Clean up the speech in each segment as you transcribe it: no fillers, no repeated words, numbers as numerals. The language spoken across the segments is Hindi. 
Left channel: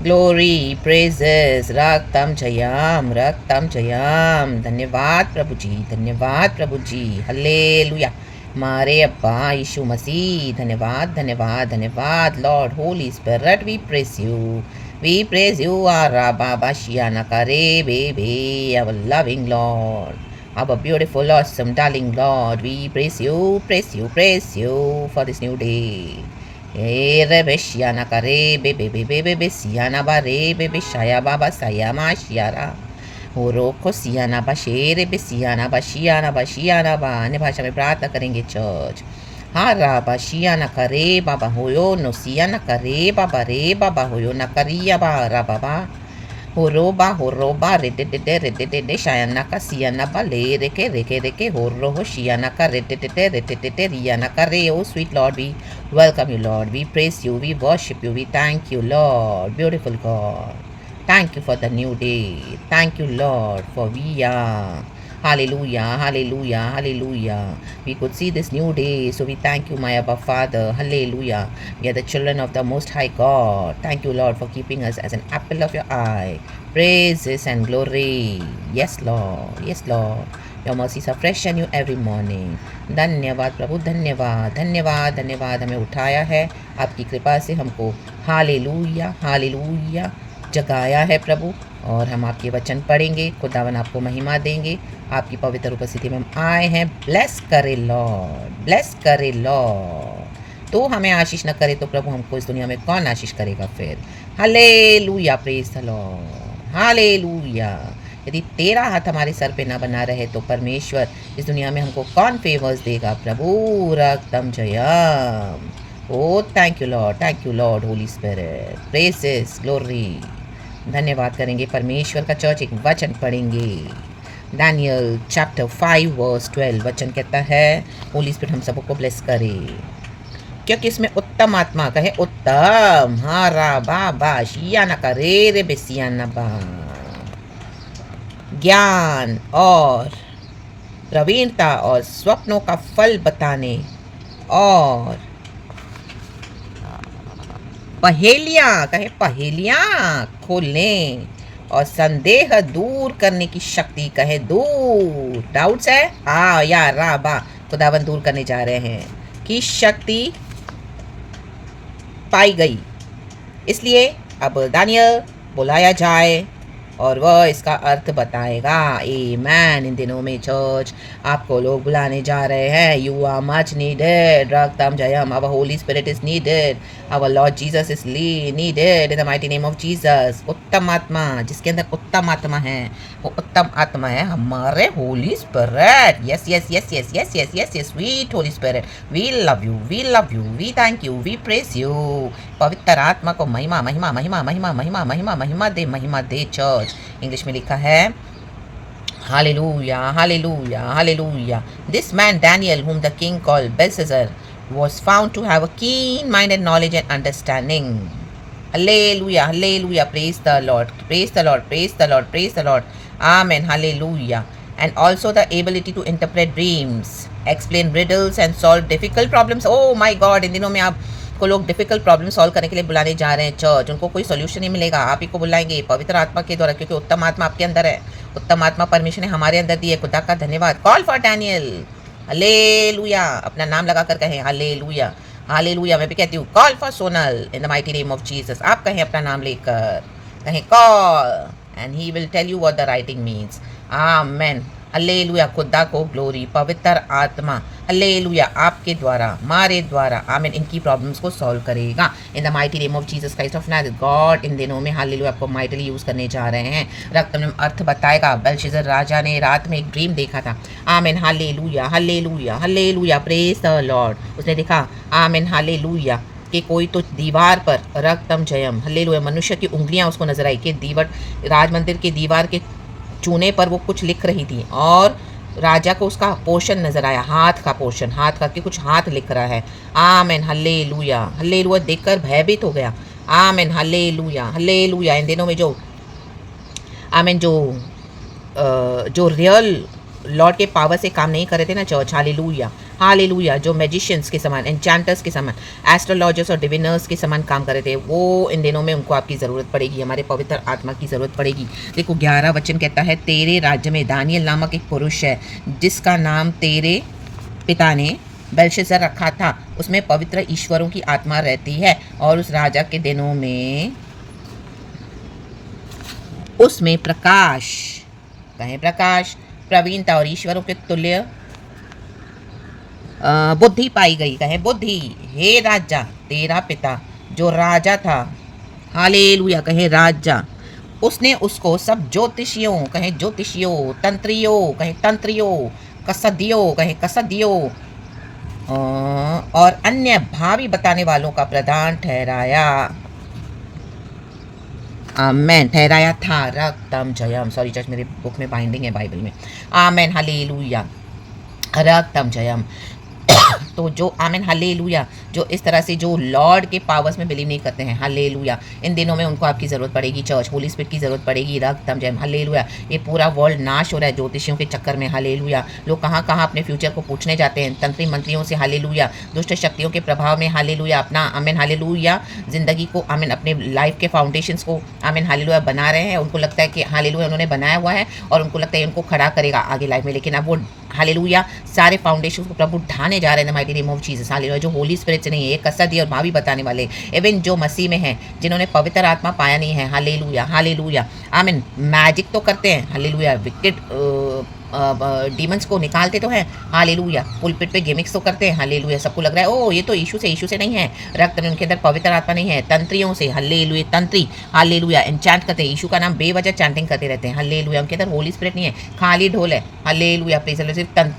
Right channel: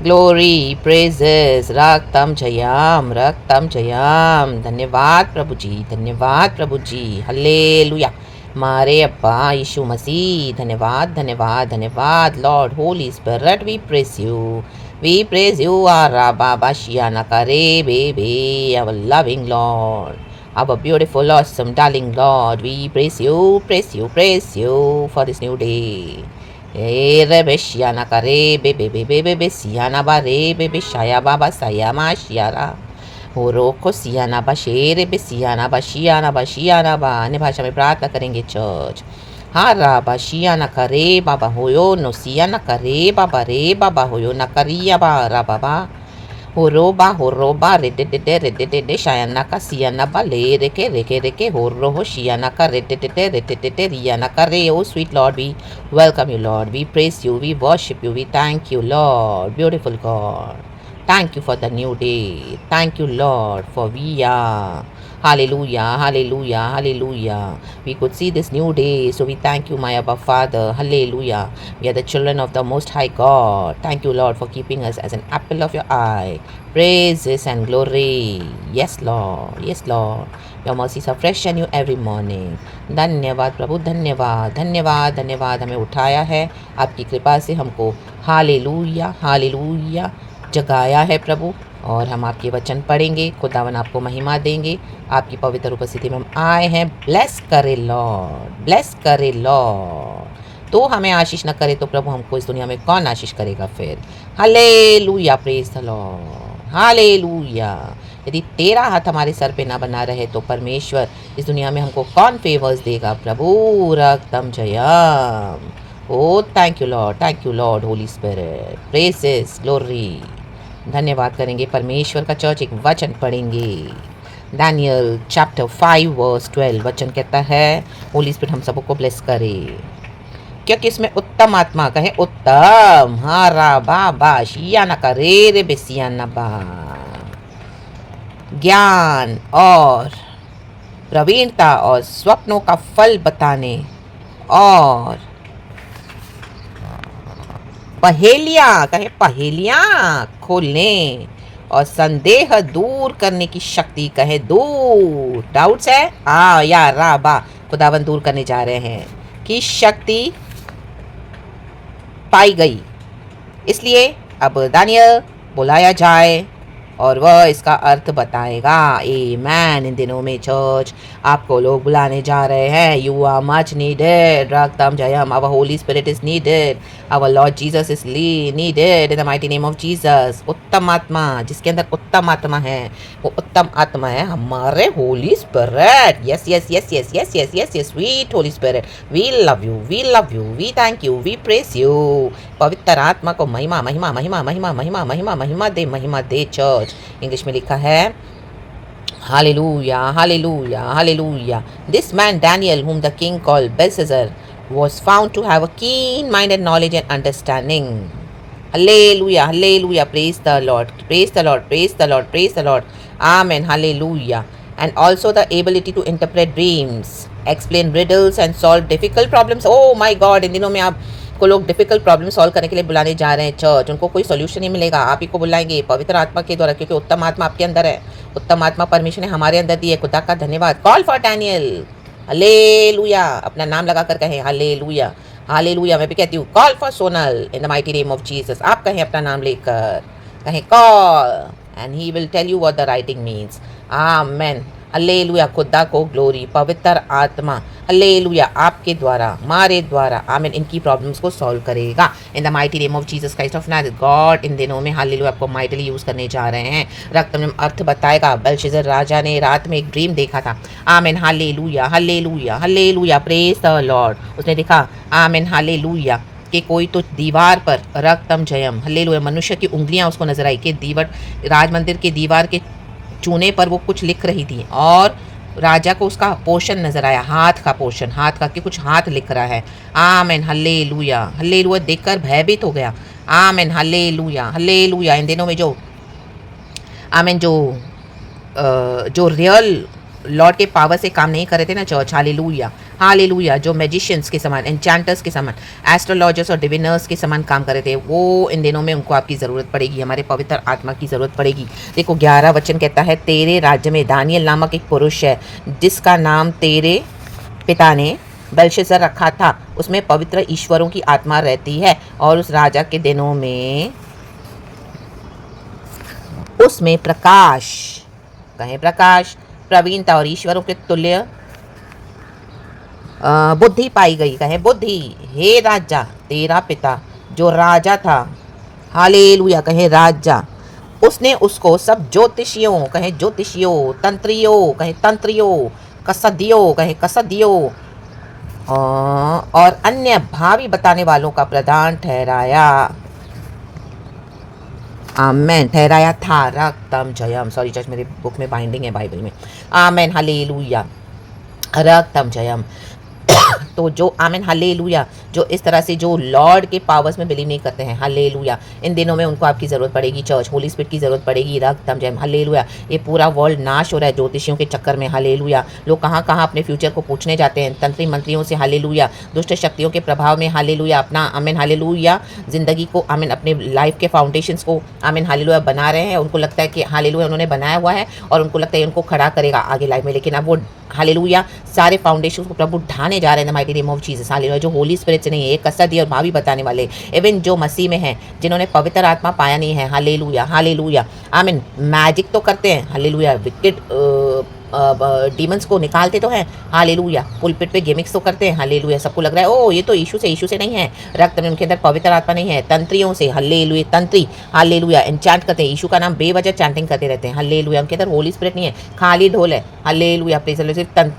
Glory, praises, रक्तम Jayam. धन्यवाद प्रभु जी, धन्यवाद प्रभु जी। हल्लेलुया। मारे अब्बा यीशु मसीह, धन्यवाद धन्यवाद धन्यवाद। Lord Holi spirit, we praise you, we praise you. आरा बाबा शियाना करे बेबे, our loving Lord, our beautiful, awesome, darling Lord. We praise you for this new day. Rebe shiana kare bebe bebe bebe siana ba re bebe shaya baba sayama shiara Horoko सियाना बा शेर बे सियाना बा। अन्य भाषा में प्रार्थना करेंगे चर्च। हाँ राबा शियाना करे बाबा होयो नो सियाना करे बाबा रे बाबा होयो ना करिया बा रा बाबा होरोबा रे शायाना का सियाना बा ले रेके होरो हो शियाना का रे रियाना का रे। O sweet lord, we welcome you lord, we praise you, we worship you, we thank you Lord, beautiful God. Thank you for the new day. Thank you, Lord, for we are. Hallelujah, hallelujah, hallelujah. We could see this new day, so we thank you, my Abba Father. Hallelujah. We are the children of the Most High God. Thank you, Lord, for keeping us as an apple of your eye. Praises and glory. Yes, Lord. Yes, Lord. Your mercies are fresh and new every morning. धन्यवाद प्रभु, धन्यवाद धन्यवाद धन्यवाद। हमें उठाया है आपकी कृपा से, हमको हालेलुया हालेलुया जगाया है प्रभु। और हम आपके वचन पढ़ेंगे, खुदावन आपको महिमा देंगे। आपकी पवित्र उपस्थिति में हम आए हैं। ब्लेस करे लॉर्ड, ब्लेस करे लॉर्ड। तो हमें आशीष न करे तो प्रभु हमको इस दुनिया में कौन आशीष करेगा फिर। Hallelujah, praise the Lord, hallelujah. यदि तेरा हाथ हमारे सर पे ना बना रहे तो परमेश्वर इस दुनिया में हमको कौन फेवर्स देगा प्रभु। रक्तम जयम। O thank you lord, Holi spirit, praises, glory. धन्यवाद करेंगे परमेश्वर का। चर्च एक वचन पढ़ेंगे, दानियल चैप्टर 5 वर्स 12। वचन कहता है, होली स्पिरिट हम सबको ब्लेस करे, क्योंकि इसमें उत्तम आत्मा कहे उत्तम हारा बाबा शियाना का रे बेसियाना बा ज्ञान और प्रवीणता और स्वप्नों का फल बताने और पहेलियाँ कहे पहेलियाँ खोलने और संदेह दूर करने की शक्ति कहे दूर। डाउट्स है या राबा खुदावन दूर करने जा रहे हैं की शक्ति पाई गई। इसलिए अब दानियल बुलाया जाए और वह इसका अर्थ बताएगा। आमेन। इन दिनों में चर्च आपको लोग बुलाने जा रहे हैं। You are much needed. रक्तम जयम। Our holy spirit is needed. Our lord Jesus is needed in the mighty name of Jesus. उत्तम आत्मा, जिसके अंदर उत्तम आत्मा है, वो उत्तम आत्मा है हमारे holy spirit. Yes yes yes yes yes yes yes yes sweet holy spirit, we love you, we love you, we thank you, we praise you. पवित्र आत्मा को महिमा महिमा महिमा महिमा महिमा महिमा महिमा दे चर्च। इंग्लिश में लिखा है Hallelujah, hallelujah, hallelujah. This man Daniel, whom the king called Belshazzar, was found to have a keen-minded knowledge and understanding. Hallelujah, hallelujah, praise the Lord, praise the Lord, praise the Lord, praise the Lord. Amen, hallelujah. And also the ability to interpret dreams, explain riddles and solve difficult problems. Oh my God, इन दिनों में आप को लोग डिफिकल्ट प्रॉब्लम सॉल्व करने के लिए बुलाने जा रहे हैं चर्च। उनको कोई सोल्यूशन नहीं मिलेगा, आप ही को बुलाएंगे पवित्र आत्मा के द्वारा, क्योंकि उत्तम आत्मा आपके अंदर है। उत्तम आत्मा परमेश्वर ने हमारे अंदर दी है। खुदा का धन्यवाद। Call for Daniel. हालेलुया। अपना नाम लगा कर कहें हालेलुया, हालेलुया। मैं भी कहती हूँ call for Sonal in the mighty name of Jesus. आप कहें अपना नाम लेकर, कहें call and he will tell you what the writing means. Amen. Hallelujah. खुदा को ग्लोरी। पवित्र आत्मा हल्लेलुया आपके द्वारा, हमारे द्वारा, आमीन, इनकी प्रॉब्लम्स को सॉल्व करेगा in the mighty name of Jesus Christ of Nazareth. God इन दिनों में हालेलुया आपको माइटली यूज़ करने जा रहे हैं। रक्त में अर्थ बताएगा। बेलशस्सर राजा ने रात में एक ड्रीम देखा था। आमीन, hallelujah, hallelujah, hallelujah, praise the Lord. उसने देखा, आमीन, हालेलुया, कि कोई तो दीवार पर रक्तम जयम, हल्लेलुया, मनुष्य की उंगलियां उसको नजर आई कि दीवार, राजमंदिर की दीवार के चूने पर वो कुछ लिख रही थी और राजा को उसका पोर्शन नजर आया, हाथ का पोर्शन, हाथ का कि कुछ हाथ लिख रहा है। आमीन, हल्लेलुया, हल्लेलुया, देखकर भयभीत हो गया। आमीन, हल्लेलुया, हल्लेलुया। इन दिनों में जो आमीन जो रियल लॉर्ड के पावर से काम नहीं कर रहे थे ना चर्च, हालेलुया, हालेलुया। जो मैजिशियंस के समान, एन्चेंटर्स के समान, एस्ट्रोलॉजर्स और डिविनर्स के समान काम कर रहे थे, वो इन दिनों में उनको आपकी ज़रूरत पड़ेगी, हमारे पवित्र आत्मा की ज़रूरत पड़ेगी। देखो 11 वचन कहता है, तेरे राज्य में दानियल नामक एक पुरुष है जिसका नाम तेरे पिता ने बेलशस्सर रखा था। उसमें पवित्र ईश्वरों की आत्मा रहती है और उस राजा के दिनों में उसमें प्रकाश, कहें प्रकाश, प्रवीणता और ईश्वरों के तुल्य बुद्धि पाई गई। कहें बुद्धि। हे राजा, तेरा पिता जो राजा था, हालेलुया, कहें राजा, उसने उसको सब ज्योतिषियों, कहें ज्योतिषियों, तंत्रियों, कहें तंत्रियों, कसदियों, कहें कसदियों, और अन्य भावी बताने वालों का प्रधान ठहराया। आमेन। ठहराया था। रक्तम जयम। सॉरी चर्च, मेरे बुक में बाइंडिंग है बाइबल में। आमेन। हालेलुया। रक्तम जयम। तो जो आमेन हालेलुया, जो इस तरह से जो लॉर्ड के पावर्स में बिलीव नहीं करते हैं, हालेलुया, इन दिनों में उनको आपकी ज़रूरत पड़ेगी। चर्च, होली स्पिरिट की ज़रूरत पड़ेगी। रक्तम जयम। हालेलुया। ये पूरा वर्ल्ड नाश हो रहा है ज्योतिषियों के चक्कर में। हालेलुया। लोग कहाँ कहाँ अपने फ्यूचर को पूछने जाते हैं, तंत्री मंत्रियों से। हालेलुया। दुष्ट शक्तियों के प्रभाव में, हालेलुया, अपना आमेन हालेलुया ज़िंदगी को, आमेन, अपने लाइफ के फाउंडेशंस को, आमेन हालेलुया, बना रहे हैं। उनको लगता है कि हालेलुया उन्होंने बनाया हुआ है और उनको लगता है उनको खड़ा करेगा आगे लाइफ में, लेकिन अब वो हालेलुया सारे फाउंडेशन को प्रभु ढाने जा रहे हैं mighty name of Jesus. Hallelujah. जो होली स्पिरिट से नहीं है, कसदी और भावी बताने वाले, इवन जो मसीह में हैं, जिन्होंने पवित्र आत्मा पाया नहीं है, हालेलुया, हालेलुया, आमीन, मैजिक तो करते हैं, हालेलुया, विकेट डीमंस को निकालते तो हैं, हालेलुया, पुलपिट पे गिमिक्स तो करते हैं, हालेलुया, सबको लग रहा है ओ ये तो यीशु से नहीं है, रक्त में उनके अंदर पवित्र आत्मा नहीं है, तंत्रियों से, हालेलुया, तंत्री, हालेलुया, एन्चैंट करते हैं, यीशु का नाम बेवजह चैंटिंग करते रहते हैं, हालेलुया, उनके अंदर होली स्पिरिट नहीं है, खाली ढोल है, हालेलुया, प्रेज़ द लॉर्ड।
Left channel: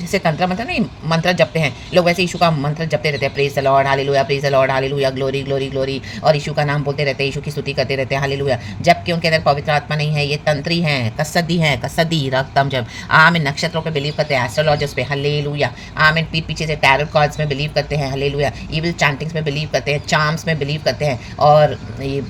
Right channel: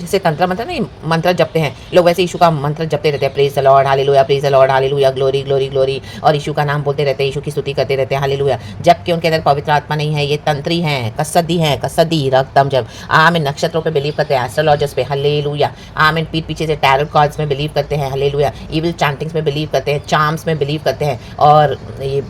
जैसे तंत्र मंत्र नहीं, मंत्र जपते हैं लोग, वैसे यीशु का मंत्र जपते रहते हैं, praise the Lord, hallelujah, praise the Lord, hallelujah, glory glory glory, और यीशु का नाम बोलते रहते हैं, यीशु की स्तुति करते रहते हैं, हालेलुया, जबकि उनके अंदर पवित्र आत्मा नहीं है। ये तंत्री हैं, कसदी, रक्तम जब, आमीन, नक्षत्रों पे बिलीव करते हैं, एस्ट्रोलॉजर्स पे, हालेलुया, आमीन, पीठ पीछे से टैरोट कार्ड्स में बिलीव करते हैं, हालेलुया, इविल चैंटिंग्स में बिलीव करते हैं, चार्म्स में बिलीव करते हैं, और ये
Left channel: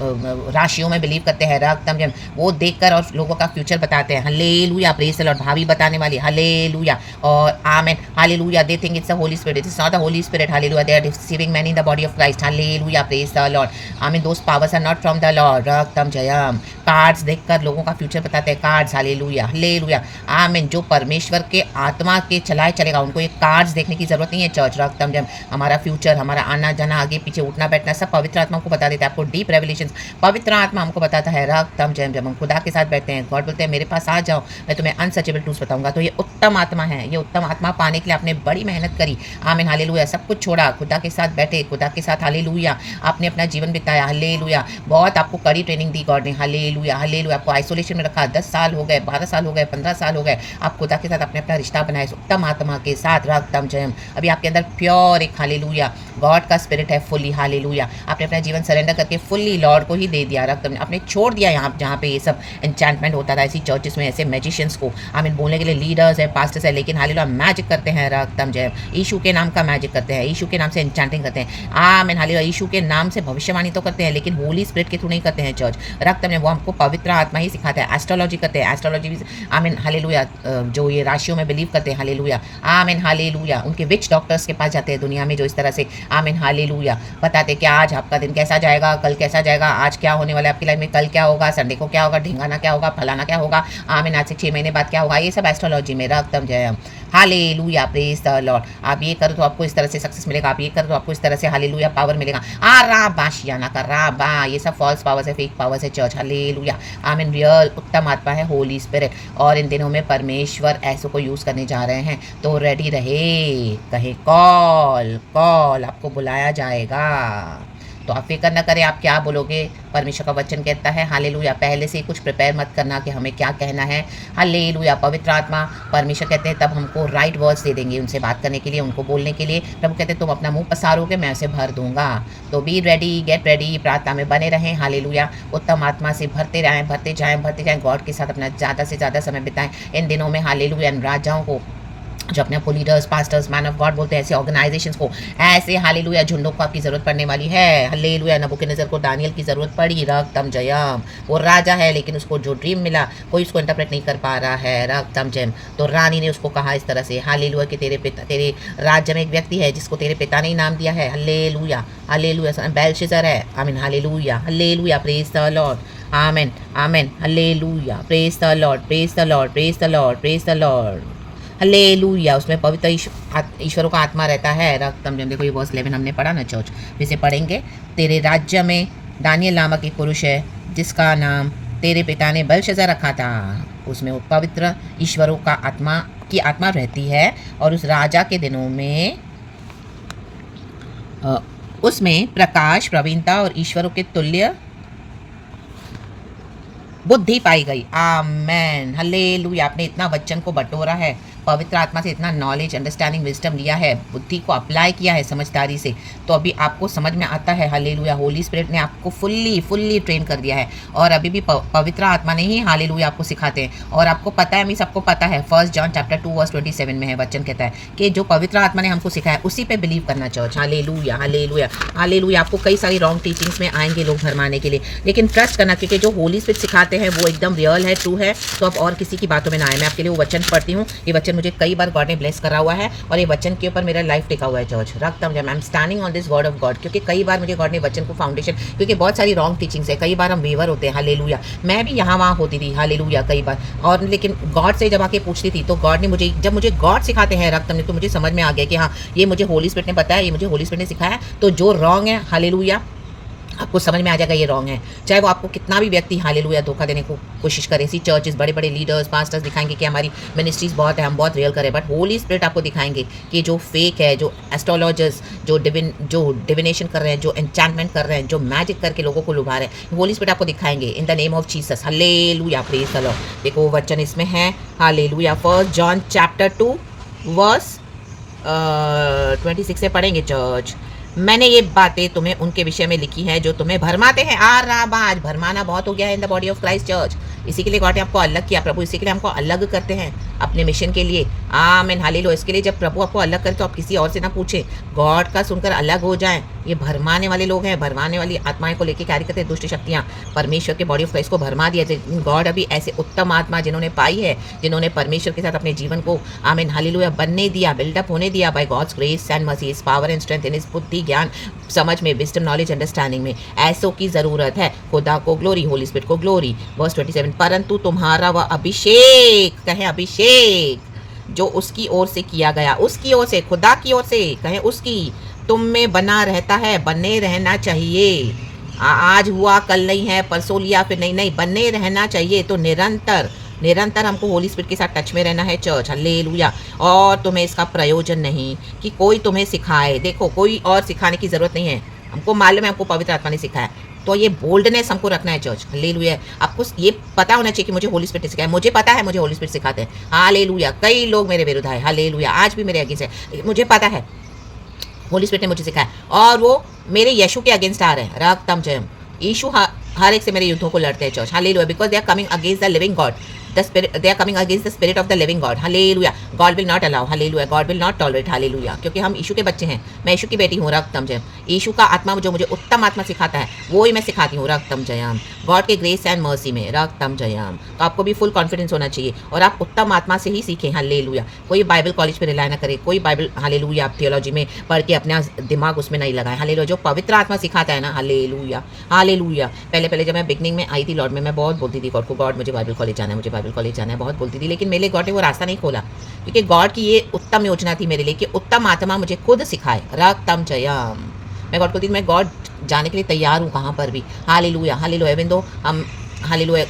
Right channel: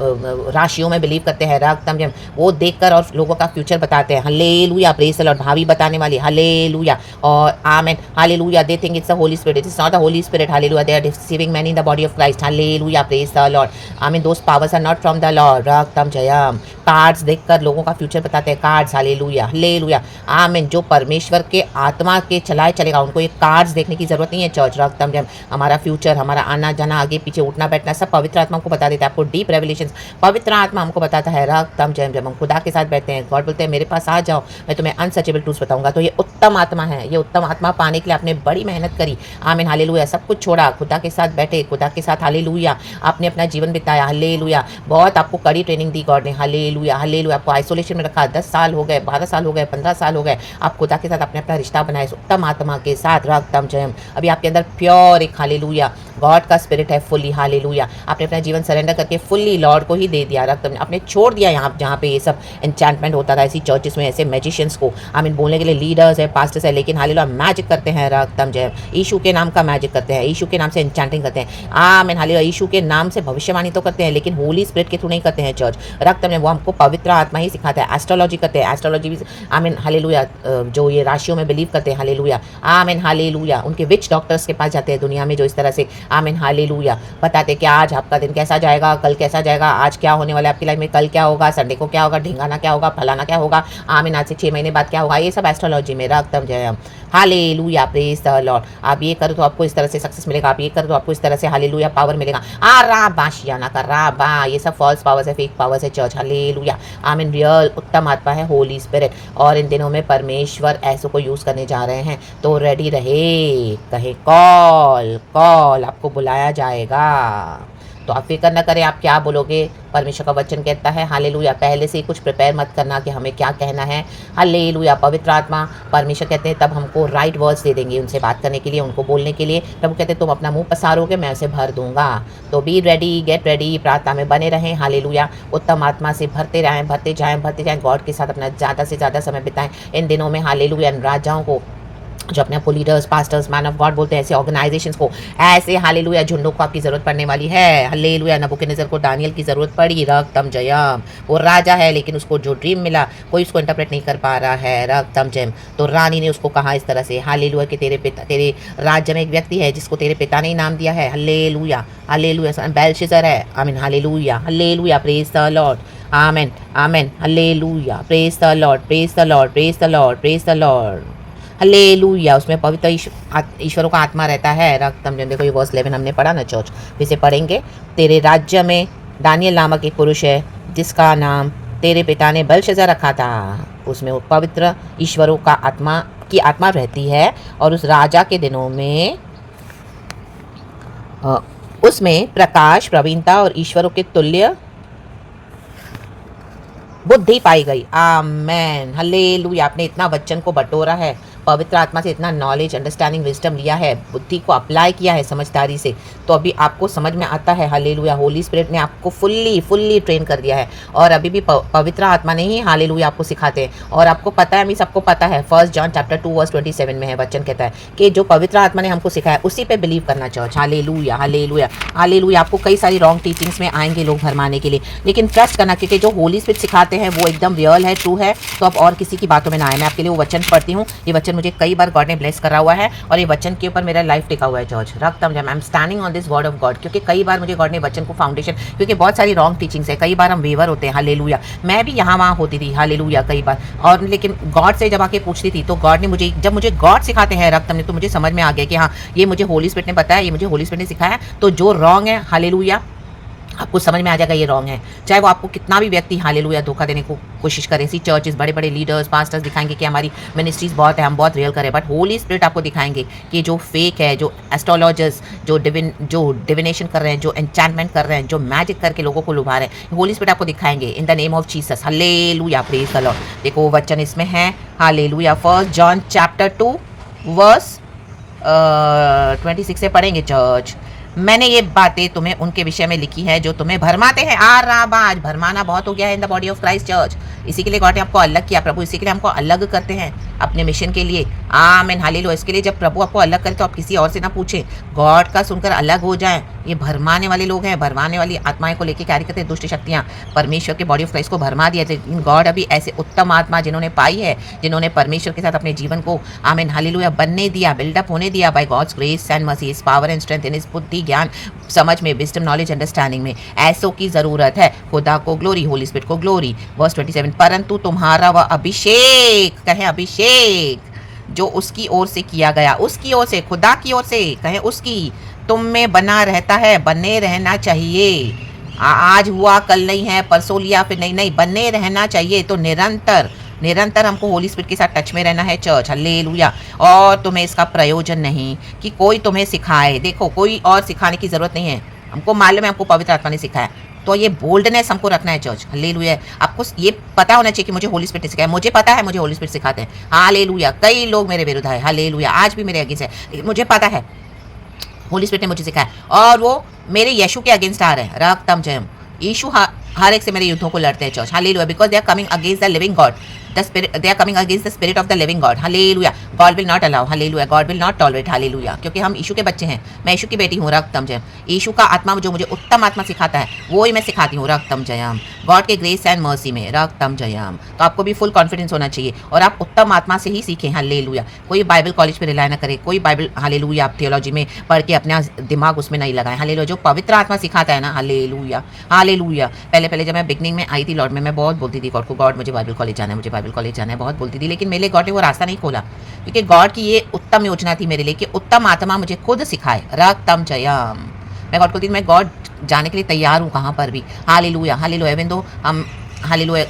राशियों में बिलीव करते हैं, रक्तम जब, वो देखकर और लोगों का फ्यूचर बताते हैं, हालेलुया, प्रेज़ द लॉर्ड, भावी बताने वाली, हालेलुया, और आमीन, hallelujah, they think it's the Holy Spirit. It is not the Holy Spirit. Hallelujah. They are deceiving many in the body of Christ. Hallelujah. Praise the Lord. I mean, those powers are not from the Lord. Raktam Jayam. Cards देखकर लोगों का फ्यूचर बताते हैं, कार्ड्स, हालेलुया, हालेलुया, आमीन, जो परमेश्वर के आत्मा के चलाए चलेगा, उनको ये कार्ड्स देखने की जरूरत नहीं है। चर्च, रक्तम जब, हमारा फ्यूचर, हमारा आना जाना, आगे पीछे, उठना बैठना, सब पवित्र आत्मा हमको बता देता है। आपको डीप रेवलेशंस पवित्र आत्मा हमको बताता है, रक्तम जब, जब हम खुदा के साथ बैठते हैं, गॉड बोलते हैं मेरे पास आ जाओ, मैं तुम्हें अनसचेबल ट्रूथ्स बताऊंगा। तो ये उत्तम आत्मा है, ये उत्तम आत्मा पाने के लिए आपने बड़ी मेहनत करी, आमीन, हालेलुया, सब कुछ छोड़ा, खुदा के साथ बैठे, खुदा के साथ, हालेलुया, आपने अपना जीवन बिताया, हालेलुया, बहुत आपको कड़ी ट्रेनिंग दी गॉड ने, हालेलुया, हालेलुया, आपको आइसोलेशन में रखा, 10 साल हो गए, 12 साल हो गए, 15 साल हो गए, आप खुदा के साथ अपने अपना रिश्ता बनाए उत्तम आत्मा के साथ, रक्तम जयम। अभी आपके अंदर प्योर एक, हालेलुया, गॉड का स्पिरिट है फुल्ली, हालेलुया, आपने अपना जीवन सरेंडर करके फुल्ली लॉर्ड को ही दे दिया, रक्तम, आपने छोड़ दिया यहाँ जहाँ पे ये सब एन्चैंटमेंट होता था, ऐसी चर्चेस में ऐसे मैजिशियंस को, आमीन, बोलने के लिए लीडर्स है, पास्टर्स है, लेकिन हालेलुया मैजिक करते हैं, रक्तम जयम, यीशु के नाम का मैजिक करते हैं, यीशु के नाम से एन्चैंटिंग करते हैं, आमीन, हालेलुया, यीशु के नाम से भविष्यवाणी तो करते हैं, लेकिन होली स्पिरिट के थ्रू नहीं करते हैं। चर्च, रक्तम, वो हमको पवित्र आत्मा ही सिखाता है। एस्ट्रोलॉजी करते हैं, एस्ट्रोलॉजी भी, आमीन, हालेलुया, जो ये राशियों में बिलीव करते हैं, हालेलुया, आमीन, हालेलुया, उनके विच डॉक्टर्स के पास जाते हैं दुनिया में, जो इस तरह से, आमीन, हालेलुया, बताते कि आज आपका दिन कैसा जाएगा, कल कैसा जाएगा, आज क्या होने वाला है आपकी लाइफ में, कल क्या होगा, संडे को क्या होगा, ढिंगाना क्या होगा, फलाना क्या होगा, आमीन, आज से 6 महीने बाद क्या होगा, ये सब एस्ट्रोलॉजी में, रक्तम जयम, हालेलुया, प्रेज़ द लॉर्ड। आप ये करो तो आपको इस तरह से सक्सेस मिलेगा, आप ये करो तो आपको इस तरह से, हालेलुया, पावर मिलेगा, राबाशियाना का राबा, ये सब फॉल्स पावर्स है, फेक पावर्स है। चर्च, हालेलुया, आमीन, रियल उत्तम आत्मा है होली स्पिरिट, और इन दिनों में परमेश्वर ऐसों को यूज़ करने जा रहे हैं, तो रेडी रहे, कहे कॉल कॉल, आपको बुलाया जाएगा, तो आप फिक्र न करें आप क्या बोलोगे। परमेश्वर का वचन कहता है, हालेलुया, पहले से ही कुछ प्रिपेयर मत करना कि हमें क्या कहना है, हालेलुया, पवित्र आत्मा, परमेश्वर कहते हैं तब हमको राइट वर्ड्स दे देंगे उनसे बात करने के लिए, उनको बोलने के लिए। प्रभु कहते हैं तुम अपना मुंह पसारोगे, मैं उसे भर दूंगा। तो बी रेडी, गेट रेडी, प्रार्थना में बने रहें, हालेलुया, उत्तम आत्मा से भरते रहें, भरते जाएँ, गॉड के साथ अपना ज़्यादा से ज़्यादा समय बिताएं इन दिनों में, हालेलुया, राजाओं को जो अपने आपको leaders, pastors, man of God बोलते हैं, ऐसे ऑर्गेनाइजेशंस को, ऐसे हालेलुया झुंडों को आपकी ज़रूरत पड़ने वाली है। हालेलुया नबूकदनेस्सर को दानियल की ज़रूरत पड़ी, रक्तम जयम। वो राजा है लेकिन उसको जो ड्रीम मिला कोई उसको इंटरप्रेट नहीं कर पा रहा है, रक्तम जयम। तो रानी ने उसको कहा इस तरह से, हालेलुया कि तेरे राज्य में एक व्यक्ति है जिसको तेरे पिता ने नाम दिया है, हालेलुया हालेलुया, बेलशस्सर है। आमीन hallelujah hallelujah, praise the Lord, आमीन आमीन hallelujah, praise the lord, praise the lord, praise the lord, praise the Lord, hallelujah. उसमें पवित्र ईश्वरों का आत्मा रहता है, रक्तम जयम। देखो ये वर्स 11 हमने पढ़ा ना चर्च, फिर से पढ़ेंगे। तेरे राज्य में दानियल नामक एक पुरुष है जिसका नाम तेरे पिता ने बेलशस्सर रखा था। उसमें पवित्र ईश्वरों का आत्मा रहती है और उस राजा के दिनों में उसमें प्रकाश, प्रवीणता और ईश्वरों के तुल्य बुद्धि पाई गई। Amen hallelujah. आपने इतना वचन को बटोरा है, पवित्र आत्मा से इतना नॉलेज, अंडरस्टैंडिंग, विजडम लिया है, बुद्धि को अप्लाई किया है समझदारी से, तो अभी आपको समझ में आता है। हालेलुया, होली स्पिरिट ने आपको फुल्ली ट्रेन कर दिया है और अभी भी पवित्र आत्मा ने ही हालेलुया आपको सिखाते हैं। और आपको पता है, मीन्स आपको पता है, 1 जॉन चैप्टर 2 वर्स 27 में है, वचन कहता है कि जो पवित्र आत्मा ने हमको सिखाया उसी पे बिलीव करना चर्च। Hallelujah hallelujah hallelujah. आपको कई सारी रॉन्ग टीचिंग्स में आएंगे लोग भरमाने के लिए, लेकिन ट्रस्ट करना, क्योंकि जो होली स्पिरिट सिखाते हैं वो एकदम रियल है, ट्रू है। तो आप और किसी की बातों में ना आए। मैं आपके लिए वो वचन पढ़ती हूँ। ये वचन मुझे कई बार गॉड ने ब्लेस करा हुआ है और ये वचन के ऊपर मेरा लाइफ टिका हुआ है चर्च, रक्तम जयम। I am standing on this word of God, क्योंकि कई बार मुझे गॉड ने वचन को फाउंडेशन, क्योंकि बहुत सारी रॉन्ग टीचिंग्स है, कई बार हम वेवर होते हैं। हालेलुया, मैं भी यहाँ वहाँ होती थी, हालेलुया कई बार। और लेकिन गॉड से जब आके पूछती थी तो गॉड ने मुझे, जब मुझे गॉड सिखाते हैं रक्तम ने, तो मुझे समझ में आ गया कि हाँ ये मुझे होली स्पिरिट ने बताया, ये मुझे होली स्पिरिट ने सिखाया। तो जो रॉन्ग है, हालेलुया, आपको समझ में आ जाएगा ये रॉन्ग है, चाहे वो आपको कितना भी व्यक्ति हालेलुया धोखा देने को कोशिश करे। ऐसी चर्चेस, बड़े बड़े लीडर्स, पास्टर्स दिखाएंगे कि हमारी मिनिस्ट्रीज बहुत है, हम बहुत रियल करें, बट होली स्पिरिट आपको दिखाएंगे कि जो फेक है, जो एस्ट्रोलॉजर्स, जो डिविनेशन कर रहे हैं, जो एन्चैंटमेंट कर रहे हैं, जो मैजिक करके लोगों को लुभा रहे हैं, होली स्पिरिट आपको दिखाएंगे in the name of Jesus. Hallelujah, praise the Lord. देखो वचन इसमें है, हालेलुया, 1 जॉन चैप्टर 2 वर्स 26 से पढ़ेंगे चर्च। मैंने ये बातें तुम्हें उनके विषय में लिखी है जो तुम्हें भरमाते हैं। आज भरमाना बहुत हो गया है इन the body of Christ church. इसी के लिए गॉड ने आपको अलग किया, प्रभु इसी के लिए हमको अलग करते हैं अपने मिशन के लिए। आमीन हालेलुया। इसके लिए जब प्रभु आपको अलग करे तो आप किसी और से ना पूछें, गॉड का सुनकर अलग हो जाएं। ये भरमाने वाले लोग हैं, भरमाने वाली आत्माएं को लेकर कार्य करते हैं दुष्ट शक्तियाँ, परमेश्वर के बॉडी ऑफ क्राइस्ट को भरमा दिया। लेकिन गॉड अभी ऐसे उत्तम आत्मा जिन्होंने पाई है, जिन्होंने परमेश्वर के साथ अपने जीवन को आमीन हालेलुया बनने दिया, बिल्डअप होने दिया by God's grace and mercy, his power and strength, in his बुद्धि, ज्ञान, समझ में, विजडम, नॉलेज, अंडरस्टैंडिंग में, ऐसों की जरूरत है। खुदा को ग्लोरी, होली स्पिरिट को ग्लोरी। वर्स 27, परंतु तुम्हारा वह अभिषेक, कहें अभिषेक, जो उसकी ओर से किया गया, उसकी ओर से, खुदा की ओर से, कहें उसकी, तुम में बना रहता है, बने रहना चाहिए। आज हुआ कल नहीं है, परसों लिया फिर नहीं, बने रहना चाहिए। तो निरंतर हमको होली स्पिरिट के साथ टच में रहना है चर्च, हालेलुया। और तुम्हें इसका प्रयोजन नहीं कि कोई तुम्हें सिखाए। देखो कोई और सिखाने की ज़रूरत नहीं है, हमको मालूम है, हमको पवित्र आत्मा ने सिखाया। तो ये बोल्डनेस हमको रखना है चर्च, हालेलुया। आपको ये पता होना चाहिए कि मुझे होली स्पिरिट ने सिखाया। मुझे पता है, मुझे होली स्पिरिट सिखाते हैं, हालेलुया। कई लोग मेरे विरुद्ध है, हालेलुया, आज भी मेरे अगेंस्ट है, मुझे पता है होली स्पिरिट ने मुझे सिखाया। और वो मेरे यीशु के अगेंस्ट आ रहे हैं, रक्तम जयम। यीशु हर एक से मेरे युद्धों को लड़ते हैं church, hallelujah, because they are coming against the living God, the spirit, they are coming against the spirit of the living God, hallelujah. God will not allow, hallelujah, God will not tolerate, hallelujah, क्योंकि हम यीशु के बच्चे हैं, मैं यीशु की बेटी हूँ, रक्तम जयम। यीशु का आत्मा जो मुझे उत्तम आत्मा सिखाता है वो ही मैं सिखाती हूँ, रक्तम जयम। गॉड के ग्रेस एंड मर्सी में, रक्तम जयम। तो आपको भी फुल कॉन्फिडेंस होना चाहिए और आप उत्तम आत्मा से ही सीखें, हालेलुया। कोई बाइबल कॉलेज पे रिलाय ना करे, कोई बाइबल, हालेलुया, आप थियोलॉजी में पढ़ के अपना दिमाग उसमें नहीं लगाएं, हालेलुया। जो पवित्र आत्मा सिखाता है ना, हालेलुया हालेलुया। पहले जब मैं बिगनिंग में आई थी लॉर्ड में, मैं बहुत बोलती थी गॉड को, गॉड मुझे बाइबल कॉलेज जाना है, मुझे बाइबल कॉलेज जाना है, बहुत बोलती थी, लेकिन मेरे गॉड ने वो रास्ता नहीं खोला, क्योंकि गॉड की ये उत्तम योजना थी मेरे लिए कि उत्तम आत्मा मुझे खुद सिखाए, रक्तम जयम। मैं गॉड को थी, मैं गॉड जाने के लिए तैयार हूँ कहाँ पर भी, हालेलुया हालेलुया। इवन दो हम हालेलुया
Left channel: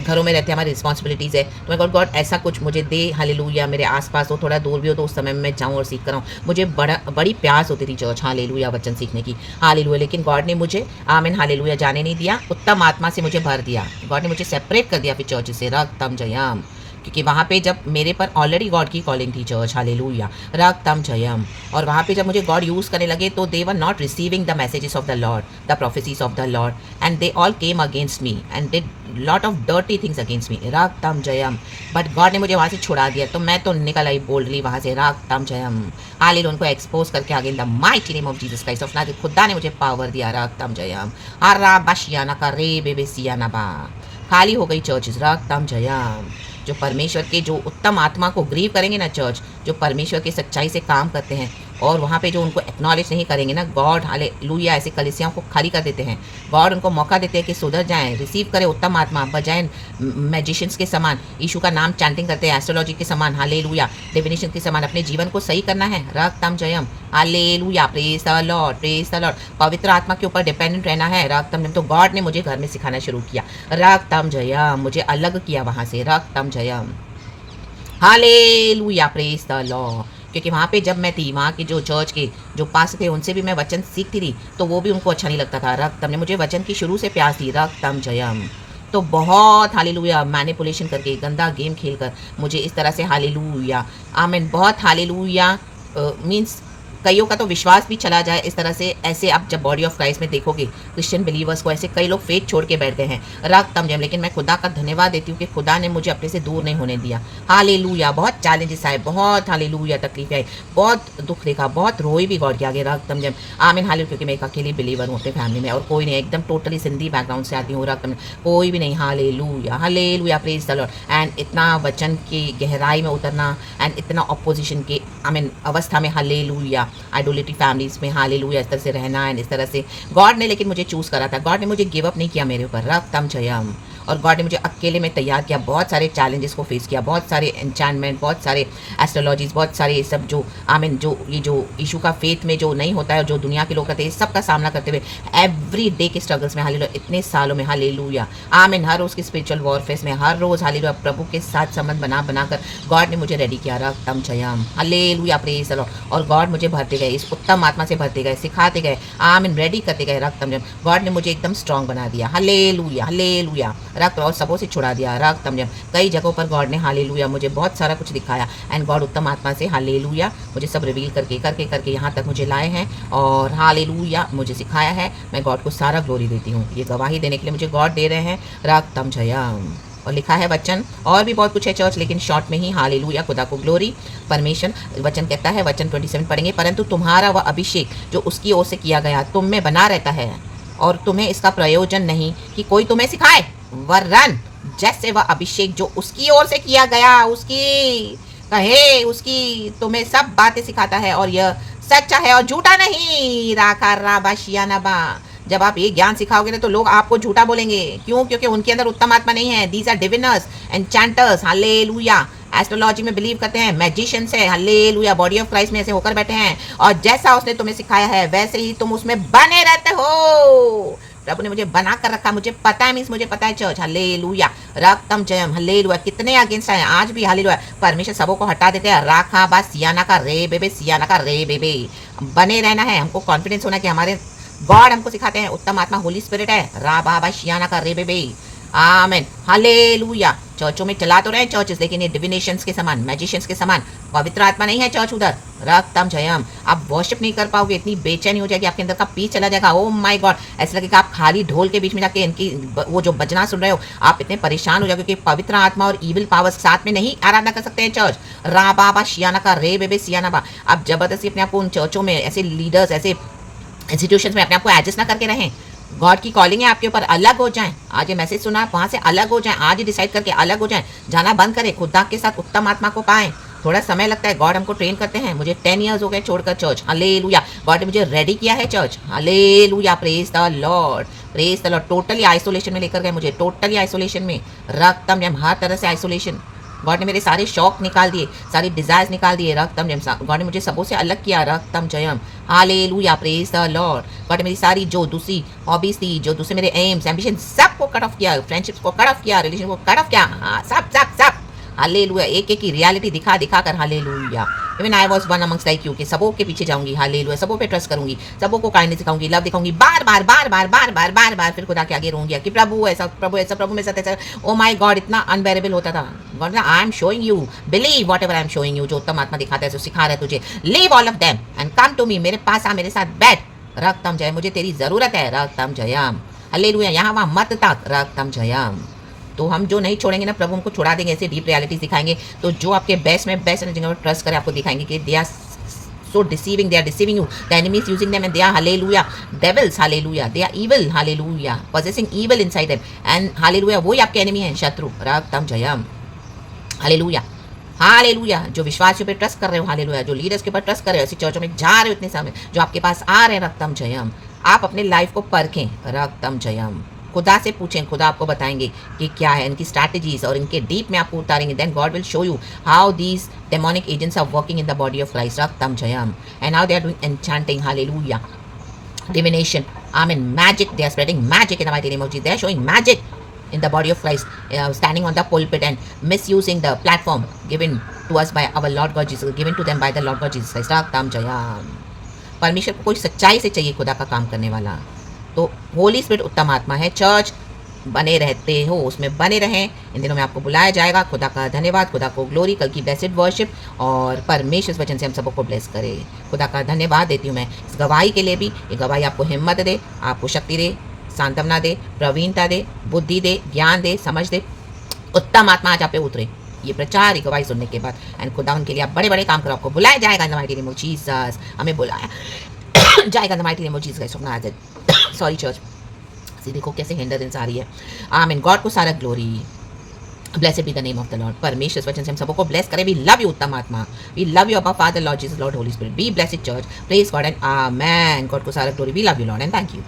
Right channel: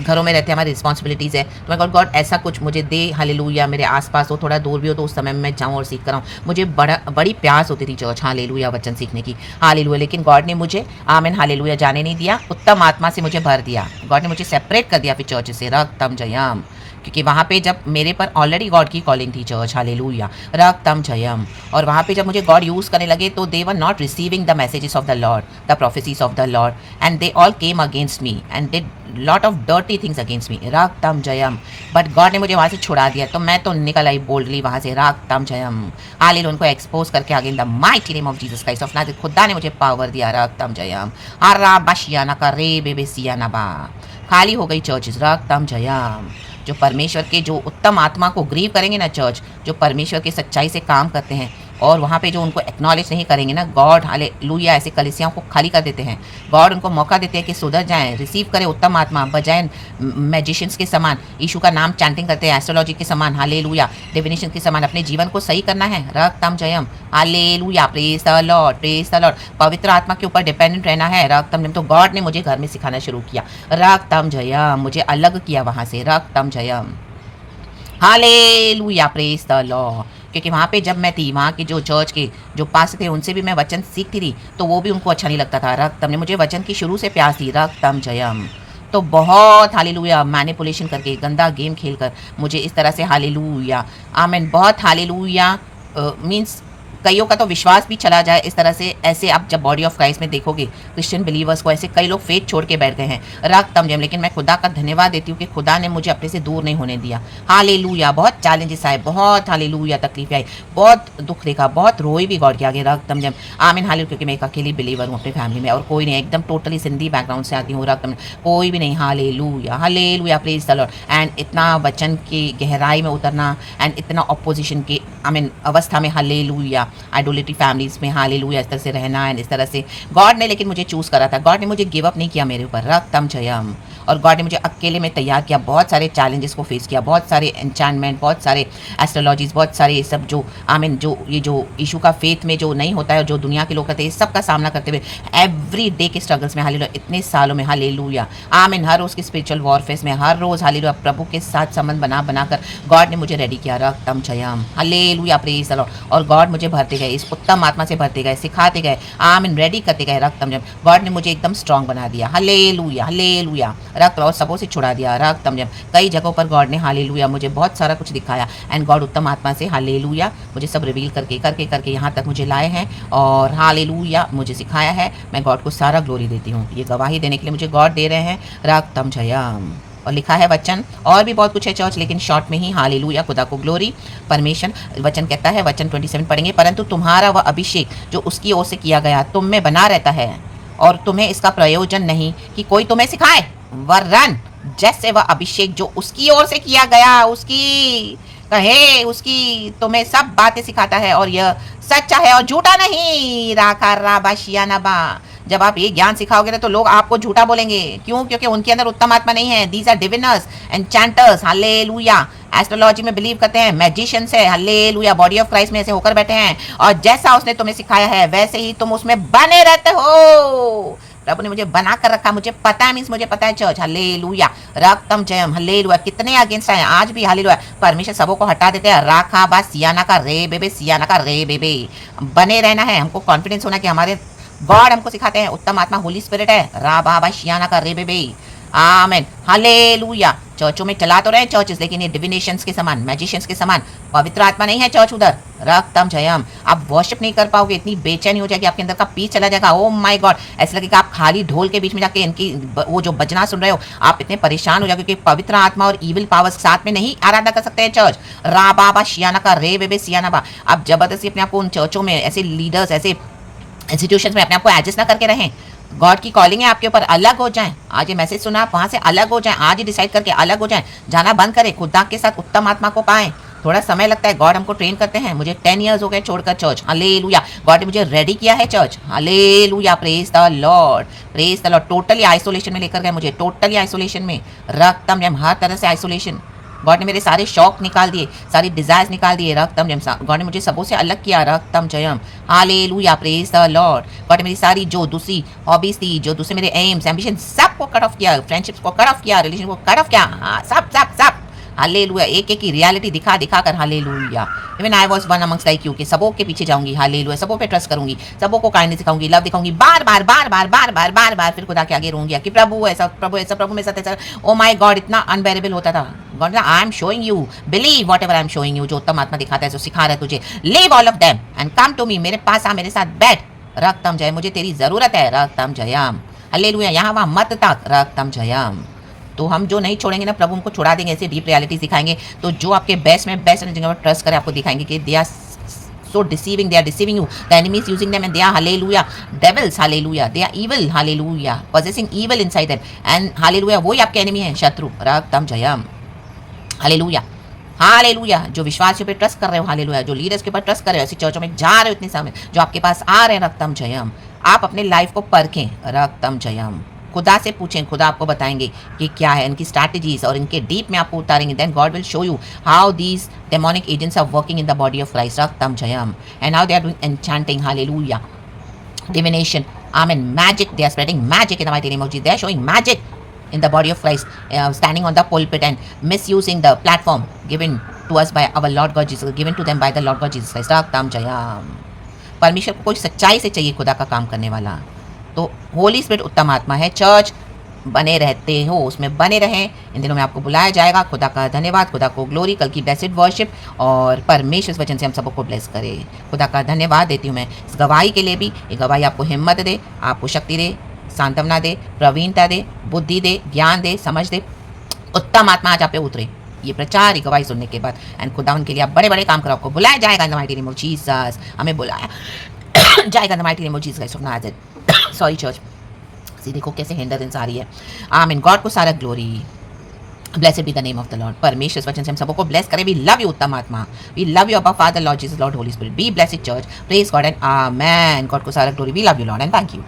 घरों में रहते हैं, हमारी रिस्पॉन्सिबिलिटीज़ है, तो मैं गॉड ऐसा कुछ मुझे दे, हालेलुया, मेरे आसपास हो, थोड़ा दूर भी हो, तो उस समय में मैं जाऊँ और सीख कर आऊँ। मुझे बड़ी प्यास होती थी चर्च, हालेलुया, वचन सीखने की, हालेलुया। लेकिन गॉड ने मुझे आमीन हालेलुया जाने नहीं दिया, उत्तम आत्मा से मुझे भर दिया। गॉड ने मुझे सेपरेट कर दिया फिर चर्च से, रक्तम जयम। क्योंकि वहाँ पे जब मेरे पर ऑलरेडी गॉड की कॉलिंग थी चर्च, हालेलुया, रक्तम जयम। और वहाँ पे जब मुझे गॉड यूज़ करने लगे तो they were not receiving the messages of the lord, the prophecies of the lord, and they all came against me and they lot of dirty things against me, रक्तम जयम। बट गॉड ने मुझे वहाँ से छुड़ा दिया, तो मैं तो निकल आई बोल्डली वहाँ से, रक्तम जयम, हालेलुया। उनको एक्सपोज करके आगे इन the mighty name of Jesus Christ of Nazareth, खुदा ने मुझे पावर दिया, रक्तम जयम। आरा बशियाना का रे बेबे सियाना बा, खाली हो गई चर्चेस, रक्तम जयम। जो परमेश्वर के जो उत्तम आत्मा को ग्रीव करेंगे ना चर्च, जो परमेश्वर की सच्चाई से काम करते हैं और वहाँ पे जो उनको एक्नॉलेज नहीं करेंगे ना, गॉड हालेलुया ऐसे कलीसियाओं को खाली कर देते हैं। गॉड उनको मौका देते हैं कि सुधर जाएं, रिसीव करें उत्तम आत्मा, बजाय मैजिशियंस के समान यीशु का नाम चैंटिंग करते हैं, एस्ट्रोलॉजी के समान, हालेलुया, डिविनेशन के समान अपने जीवन को सही करना है, रक्तम जयम, hallelujah, praise the lord, praise the lord. पवित्र आत्मा के ऊपर डिपेंडेंट रहना है, रक्तम जयम। तो गॉड ने मुझे घर में सिखाना शुरू किया, रक्तम जयम, मुझे अलग किया वहाँ से, रक्तम जयम, हालेलुया, प्रेज द लॉर्ड। क्योंकि वहाँ पे जब मैं थी, वहाँ के जो चर्च के जो पास थे उनसे भी मैं वचन सीखती थी, तो वो भी उनको अच्छा नहीं लगता था, रक्तम ने मुझे वचन की शुरू से प्यास दी, रक्तम जयम। तो बहुत हालेलुया मैनिपुलेशन करके, गंदा गेम खेलकर मुझे इस तरह से, हालेलुया, आमीन, बहुत हालेलुया, मीन्स कईयों का तो विश्वास भी चला जाए इस तरह से। ऐसे आप जब बॉडी ऑफ क्राइस्ट में देखोगे क्रिश्चियन बिलीवर्स को, ऐसे कई लोग फेथ छोड़ के बैठ गए हैं, रक्तम जयम। लेकिन मैं खुदा का धन्यवाद देती हूँ कि खुदा ने मुझे अपने से दूर नहीं होने दिया, हालेलुया। बहुत चैलेंजेस आए, बहुत हालेलुया तकलीफें आई, बहुत दुख देखा, बहुत रोई भी गॉड के आगे, रक्तम जयम, आमीन, हालेलुया। क्योंकि मैं एक अकेली बिलीवर हूँ अपने फैमिली में और कोई नहीं, एकदम टोटली सिंधी बैकग्राउंड से आती हूँ, रक्तम, कोई भी नहीं, hallelujah, hallelujah, praise the lord. And इतना वचन की गहराई में उतरना एंड इतना ऑपोजिशन के आमीन अवस्था में, हालेलुया, आइडोलिटी फैमिलीज में, हालेलुया, इस तरह से रहना एंड इस तरह से गॉड ने लेकिन मुझे चूज़ करा था, गॉड ने मुझे गिव अप नहीं किया मेरे ऊपर, रक्तम जयम। और गॉड ने मुझे अकेले में तैयार किया, बहुत सारे चैलेंजेस को फेस किया, बहुत सारे एन्चैंटमेंट, बहुत सारे एस्ट्रोलॉजीज, बहुत सारे ये सब जो आमीन जो ये जो इशू का फेथ में जो नहीं होता है, जो दुनिया के लोग करते हैं, इस सब का सामना करते हुए एवरी डे के स्ट्रगल्स में, हालेलुया, इतने सालों में, हालेलुया, आमीन, हर रोज़ की स्पिरिचुअल वॉरफेयर में, हर रोज़ हालेलुया प्रभु के साथ संबंध बनाकर गॉड ने मुझे रेडी किया, रक्तम जयम, हालेलुया, प्रेज द लॉर्ड। और गॉड मुझे भरते गए, इस उत्तम आत्मा से भरते गए, सिखाते गए, आमीन, रेडी करते गए, रक्तम जयम। गॉड ने मुझे एकदम स्ट्रांग बना दिया, हालेलुया, हालेलुया, रक्त और सबों से छुड़ा दिया, रक्तम जयम। कई जगहों पर गॉड ने हालेलुया मुझे बहुत सारा कुछ दिखाया एंड गॉड उत्तम आत्मा से, हालेलुया, मुझे सब रिवील करके करके करके यहाँ तक मुझे लाए हैं और हालेलुया मुझे सिखाया है। मैं गॉड को सारा ग्लोरी देती हूँ, ये गवाही देने के लिए मुझे गॉड दे रहे हैं, रक्तम जयम। और लिखा है वचन, और भी बहुत कुछ है चर्च, लेकिन शॉर्ट में ही, हालेलुया, खुदा को ग्लोरी। परमेशन वचन कहता है, वचन 27 पढ़ेंगे, परंतु तुम्हारा वह अभिषेक जो उसकी ओर से किया गया तुम में बना रहता है और तुम्हें इसका प्रयोजन नहीं कि कोई तुम्हें सिखाए, वरन जैसे वह अभिषेक जो उसकी ओर से किया गया, उसकी कहे, उसकी तुम्हें सब बातें सिखाता है और यह सच्चा है और झूठा नहीं, राखा राबा शियानाबा। जब आप ये ज्ञान सिखाओगे ना तो लोग आपको झूठा बोलेंगे, क्यों? क्योंकि उनके अंदर उत्तम आत्मा नहीं है। दीज आर डिविनर्स एन्चैंटर्स, हालेलुया, एस्ट्रोलॉजी में बिलीव करते हैं, मैजिशियंस है, हालेलुया, बॉडी ऑफ क्राइस्ट में ऐसे होकर बैठे हैं और जैसा उसने तुम्हें सिखाया है वैसे ही तुम उसमें बने रहते हो। प्रभु ने मुझे बना कर रखा, मुझे पता है, मीन्स मुझे पता है चर्च, हालेलुया, रक्तम जयम, हालेलुया। कितने अगेंस्ट आए आज भी, हालेलुया, परमेश्वर सबों को हटा देते हैं, राखा बा सियाना का रे बेबे, सियाना का रे बेबे। बने रहना है, हमको कॉन्फिडेंस होना कि हमारे गॉड हमको सिखाते हैं, उत्तम आत्मा होली स्पिरिट है, रा बा शियाना का रे बेबे, आमेन, हालेलुया। चर्चों में चला तो रहे चर्चेस, लेकिन ये डिविनेशंस के समान, मैजिशियंस के समान पवित्र आत्मा नहीं है चर्च उधर, रक्तम जयम। आप वर्शिप नहीं कर पाओगे, इतनी बेचैनी हो जाएगी, आपके अंदर का पीस चला जाएगा, ओ माय गॉड, ऐसा लगेगा आप खाली ढोल के बीच में जाके इनकी वो जो बजना सुन रहे हो, आप इतने परेशान हो जाओगे कि पवित्र आत्मा और ईविल पावर्स साथ में नहीं आराधना कर सकते हैं चर्च, रा बाबा शियाना का रे बेबे सियाना बा। आप जबरदस्ती अपने आप को उन चर्चों में, ऐसे लीडर्स, ऐसे इंस्टीट्यूशंस में अपने आप को एडजस्ट ना करके रहें। गॉड की कॉलिंग है आपके ऊपर, अलग हो जाएं। आज ये मैसेज सुना, आप वहाँ से अलग हो जाएं, आज ही डिसाइड करके अलग हो जाएं, जाना बंद करें, खुदा के साथ उत्तम आत्मा को पाएं। थोड़ा समय लगता है, गॉड हमको ट्रेन करते हैं। मुझे 10 ईयर्स हो गए छोड़कर चर्च, हालेलुया, गॉड ने मुझे रेडी किया है church, hallelujah, praise the lord, praise the Lord. Totally isolation में लेकर गए मुझे, टोटली आइसोलेशन में, रक्तम जयम, हर तरह से आइसोलेशन। गॉड ने मेरे सारे शौक निकाल दिए, सारी डिजायर्स निकाल दिए, रक्तम जयम। गॉड ने मुझे सबों से अलग किया, रक्तम जयम, hallelujah, praise the lord. God ने मेरी सारी जो दूसरी हॉबीज थी, जो दूसरे मेरे एम्स, एम्बिशन, सबको कट ऑफ किया, फ्रेंडशिप्स को कट ऑफ किया, रिलेशन को कट ऑफ किया, सब सब सब हालेलुया, एक एक की रियलिटी दिखा दिखा कर, hallelujah. Even I was one amongst like you, कि सबों के पीछे जाऊंगी, हालेलुया, सबों पे ट्रस्ट करूंगी, सबों को काइंडनेस दिखाऊंगी, लव दिखाऊंगी, बार बार बार बार बार बार बार बार फिर खुदा के आगे रहूंगी कि प्रभु ऐसा, प्रभु ऐसा, प्रभु मेरे साथ ऐसा। ओ माय गॉड, इतना अनबेरेबल होता था। God, I am showing you, believe what ever I am showing you, जो उत्तम आत्मा दिखाता है, जो सिखा रहा है तुझे, leave all of them and come to me, मेरे पास आ, मेरे साथ बैठ, रक्तम जय, मुझे तेरी जरूरत है, रक्तम जयम, हालेलुया, यहाँ वहाँ मत ताक, रक्तम जयम। तो हम जो नहीं छोड़ेंगे ना, प्रभु हमको छुड़ा देंगे, ऐसे डीप रियलिटीज दिखाएंगे। तो जो आपके बेस्ट में बेस्ट है, जिनका ट्रस्ट करे, आपको दिखाएंगे कि they are so deceiving, they are deceiving you, the enemy is using them, and they are, hallelujah, devils, hallelujah, they are evil, hallelujah, possessing evil inside them, and hallelujah, वही आपके एनिमी हैं, शत्रु, रक्तम जयम, हालेलुया, हालेलुया। जो विश्वासियों पे ट्रस्ट कर रहे हो, हालेलुया, जो लीडर्स के ऊपर ट्रस्ट कर रहे हो, ऐसी चर्चों में जा रहे हो इतने समय, जो आपके पास आ रहे हैं, रक्तम जयम, आप अपने लाइफ को परखें, रक्तम जयम, खुदा से पूछें, खुदा आपको बताएंगे कि क्या है इनकी स्ट्रैटेजीज, और इनके डीप में आपको उतारेंगे। Then God will show you how these demonic agents are working in the body of Christ, रक्तम जयम, and how they are doing enchanting, hallelujah, divination, amen, magic, they are spreading magic in the mighty name of Jesus, they are showing magic in the body of Christ, standing on the pulpit and misusing the platform given to us by our Lord God Jesus, given to them by the Lord God Jesus Christ, रक्तम Jayam. परमेश्वर को कोई सच्चाई से चाहिए खुदा का काम करने वाला, तो होली स्पिरिट उत्तम आत्मा है, चर्च बने रहते हो, उसमें बने रहें। इन दिनों में आपको बुलाया जाएगा। खुदा का धन्यवाद, खुदा को ग्लोरी, कल की ब्लेसिड वर्शिप, और परमेश्वर वचन से हम सबको ब्लेस करे। खुदा का धन्यवाद देती हूँ मैं इस गवाही के लिए भी। ये गवाही आपको हिम्मत दे, आपको शक्ति दे, सांत्वना दे, प्रवीणता दे, बुद्धि दे, ज्ञान दे, समझ दे, उत्तम आत्मा आज आप पे उतरे ये प्रचार, ये गवाही सुनने के बाद। एंड खुदा उनके लिए आप बड़े बड़े काम करो, आपको बुलाया जाएगा इन the mighty name of Jesus, हमें बुलाया जाएगा इन the mighty name of Jesus. Sorry church, देखो कैसे हिंडरेंस आ रही है। आमीन, गॉड को सारा glory, blessed be the name of the Lord. परमेश्वर वचन से हम सबको ब्लेस करें। वी लव यू उत्तम आत्मा, वी लव यू अबा father lord Jesus lord Holi spirit, be blessed church, praise God and amen. God को सारा glory, we love you lord and thank you.